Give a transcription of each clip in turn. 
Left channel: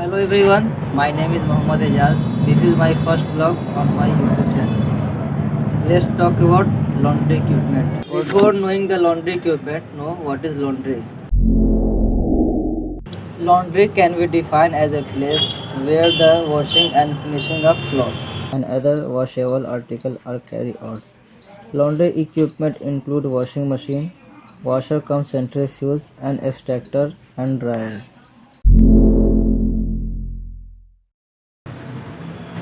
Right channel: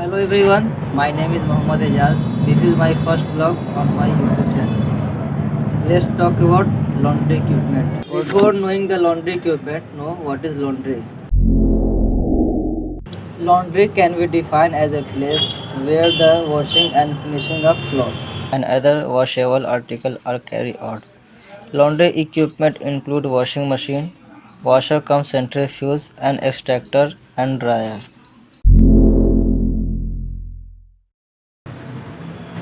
Hello everyone, my name is Mohammad Ejaz. This is my first vlog on my YouTube channel. Let's talk about laundry equipment. Before knowing the laundry equipment, know what is laundry. Laundry can be defined as a place where the washing and finishing of clothes and other washable articles are carried out. Laundry equipment include washing machine, washer cum centrifuge and extractor and dryer.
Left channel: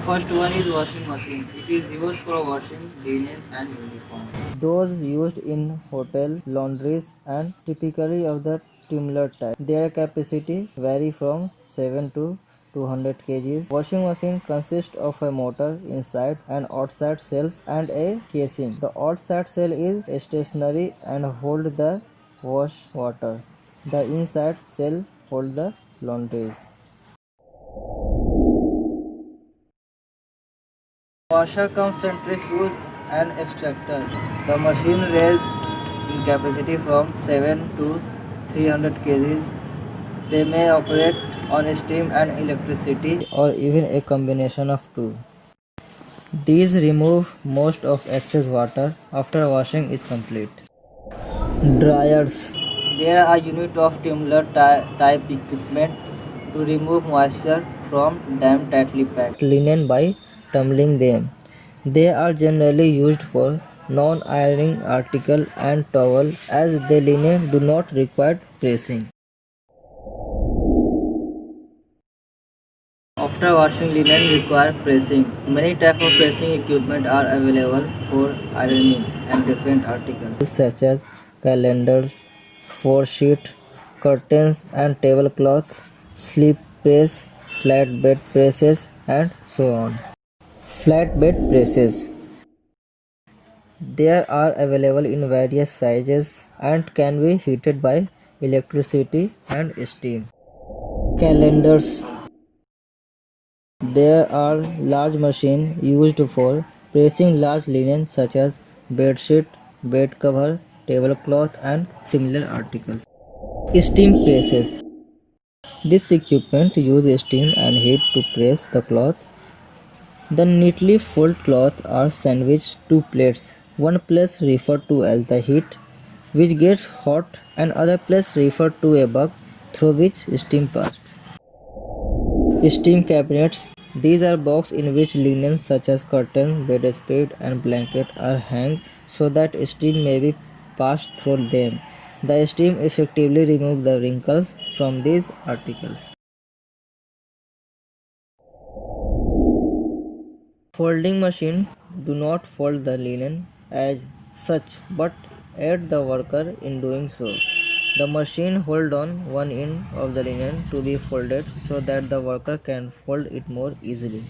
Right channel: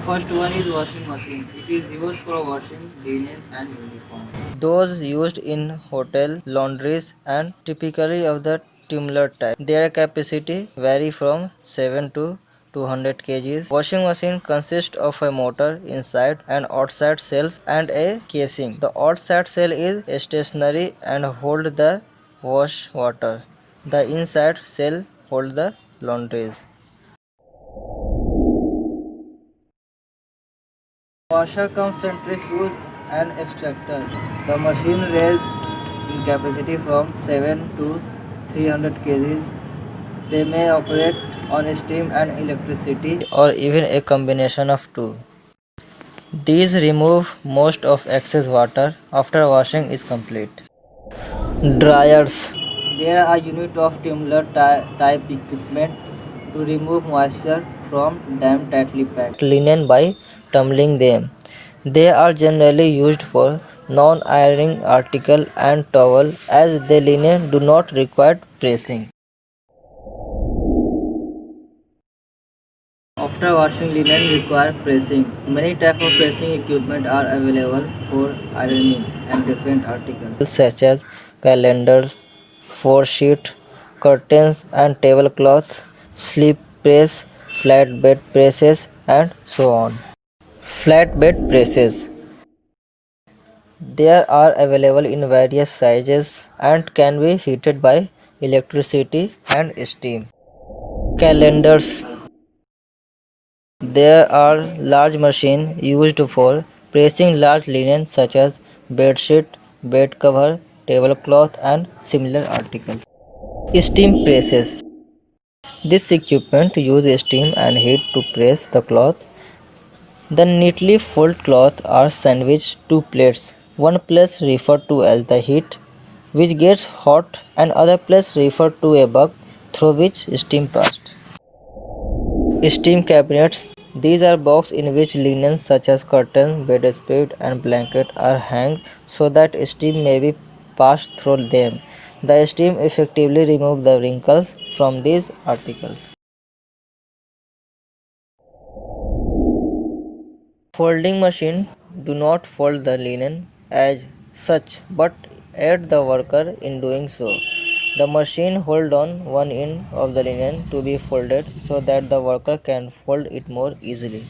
First one is washing machine. It is used for washing linen and uniform. Those used in hotel laundries and typically of the tumbler type. Their capacity vary from 7 to 200 kgs. Washing machine consists of a motor inside and outside cells and a casing. The outside cell is stationary and hold the wash water. The inside cell hold the laundries. Washer cum centrifuge and extractor. The machine ranges in capacity from 7 to 300 kgs. They may operate on steam and electricity or even a combination of two. These remove most of excess water after washing is complete. Dryers. There are unit of tumbler type equipment to remove moisture from damp tightly packed linen by tumbling them. They are generally used for non-ironing article and towel as the linen do not require pressing. After washing linen require pressing. Many types of pressing equipment are available for ironing and different articles such as calendars, sheet, curtains and tablecloths, slip press, flatbed presses and so on. Flatbed presses. They are available in various sizes and can be heated by electricity and steam. Calendars. There are large machines used for pressing large linen such as bedsheet, bed cover, tablecloth and similar articles. Steam presses. This equipment uses steam and heat to press the cloth. The neatly folded cloth are sandwiched to plates. One place referred to as the heat, which gets hot, and other place referred to a bug through which steam passed. Steam cabinets. These are boxes in which linen such as curtains, bedspread and blanket are hanged so that steam may be passed through them. The steam effectively removes the wrinkles from these articles. Folding machine do not fold the linen as such but aid the worker in doing so. The machine hold on one end of the linen to be folded so that the worker can fold it more easily.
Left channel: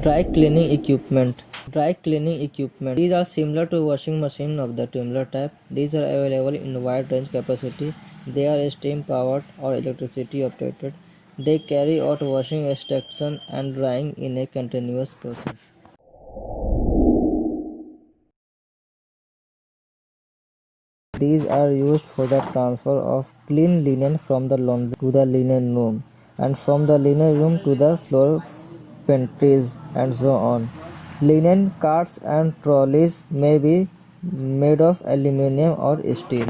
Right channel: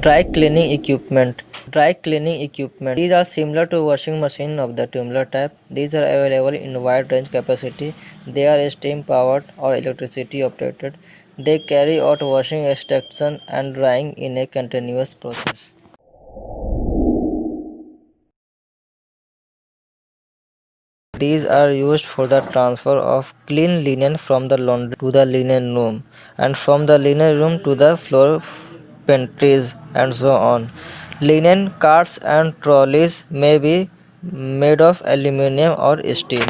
Dry cleaning equipment. Dry cleaning equipment. These are similar to washing machine of the tumbler type. These are available in wide range capacity. They are steam powered or electricity operated. They carry out washing, extraction and drying in a continuous process. These are used for the transfer of clean linen from the laundry to the linen room and from the linen room to the floor pantries and so on. Linen carts and trolleys may be made of aluminum or steel.